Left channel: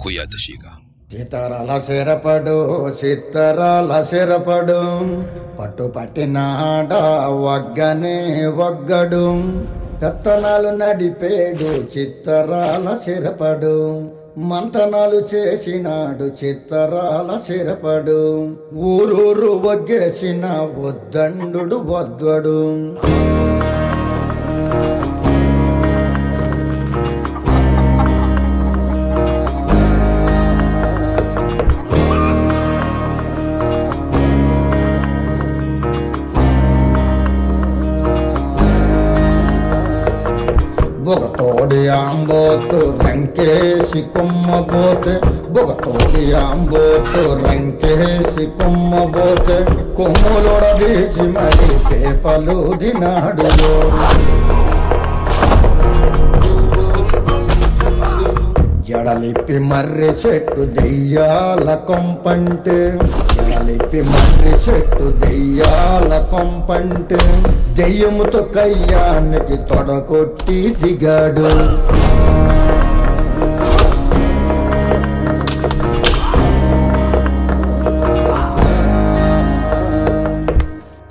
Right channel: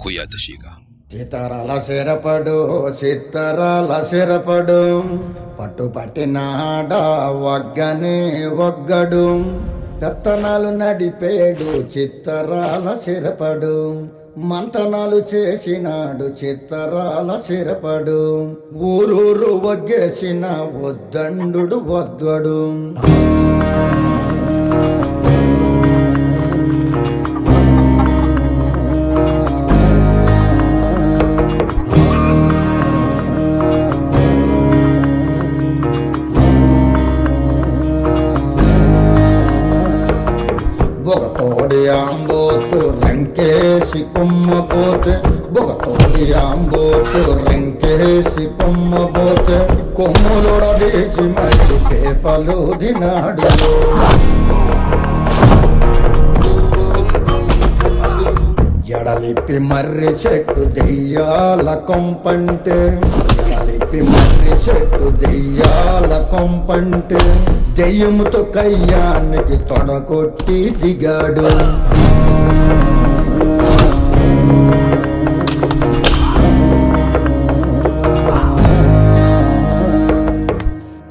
اخويا تشيكا చిత్తరాల సిరపడు చిత్తరాల సిరపడు పట్టు పట్టినాడ వగ్గనే వగ్గడు పెత్తనాలు నడిపేడు చిత్తరాల సిరపడు మంతనాలు చేసినాడు చిత్తరాల సిరపడు ఊరూరు వగ్గేసిన వద్దండు వద్వడు బొగతోడి ఆంబోతు రంకేసి కొమ్మబోతే బొగతోడి ఆంబోతు రంకేసి కొమ్మబోతే కొమ్ములొడదీసి మరి పేపలు దినాడులో జడలిప్పి మర్రి చెట్టు దెయ్యాల కొంపంటే జడలిప్పి మర్రి చెట్టు దెయ్యాల కొంపంటే దెయ్యముతో కయ్యానికి తొడకొట్టి దిగాడు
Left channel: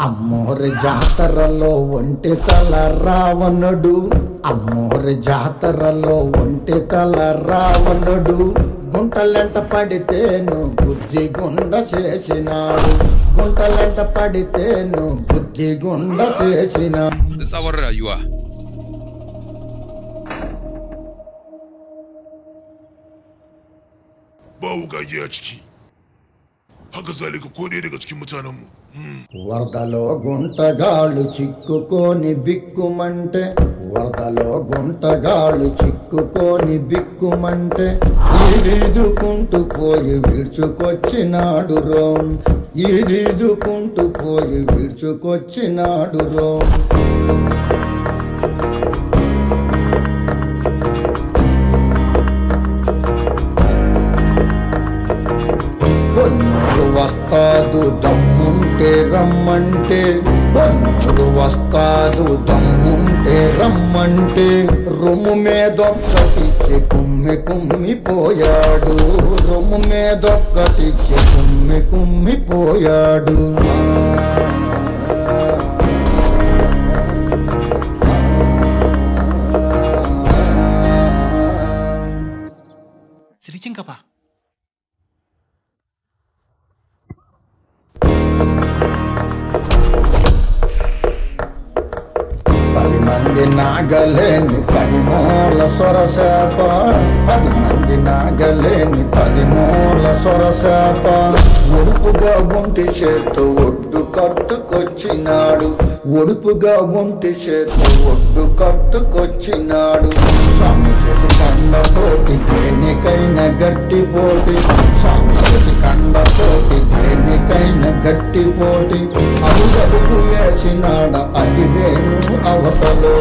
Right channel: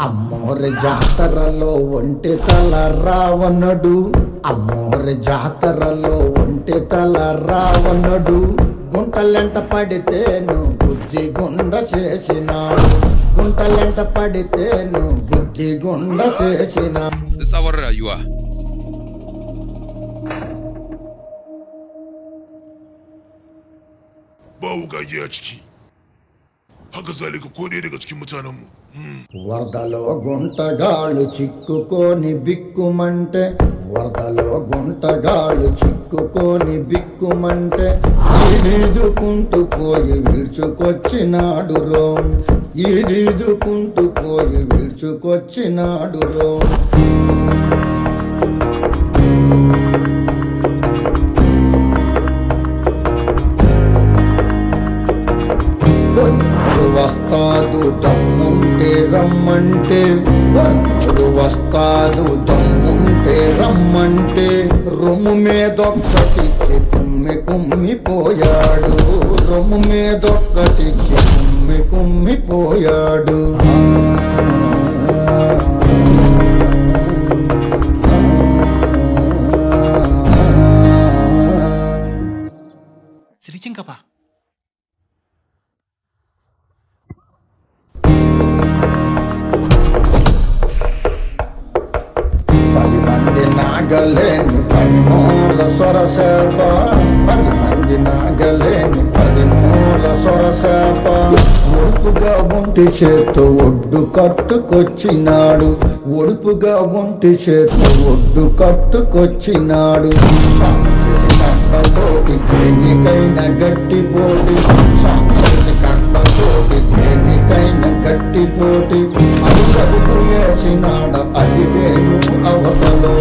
అమ్మోరి జాతరలో ఒంటి తల రావణుడు అమ్మోరి జాతరలో ఒంటి తల రావణుడు గుంటలెంట పడితేను బుద్ధి గుండ చేసినాడు గుంటలెంట పడితేను బుద్ధి గుండ చేసినాడు تصور ايوه bawu gage a ciki haka zalika ko dai daga cikin mutanenmu వరదలో గుంటగాళ్ళు చిక్కుకొని బిక్కుమంటే వరదలో గుంటగాళ్ళు చిక్కుకొని బిక్కుమంటే ఈదుకుంటూ పోయి విడుచుకొచ్చినాడు రోం ఈదుకుంటూ పోయి విడుచుకొచ్చినాడు రోం పొన్నూరు వస్తాదు దమ్ముంటే రమ్మంటే పొన్నూరు వస్తాదు దమ్ముంటే రమ్మంటే రొమ్ము మీదొక్కటిచ్చి కుమ్మిపోయాడు రొమ్ము మీదొక్కటిచ్చి కుమ్మిపోయాడు Sedikit apa? 10 మంది నాగలేని 10 మూల సొరసేప 10 మంది నాగలేని 10 మూల సొరసేప ఒడుపుగా ఒంటి చేత్తో ఒడ్డు కట్టుకొచ్చినాడు ఒడుపుగా ఒంటి చేత్తో ఒడ్డు కట్టుకొచ్చినాడు సాము చేసి కండతోటి దేనికైనా గట్టి పోటీ సాము చేసి కండతోటి దేనికైనా గట్టి పోటీ అడుగడుగు వేసినాడ అదిదేను అవతలో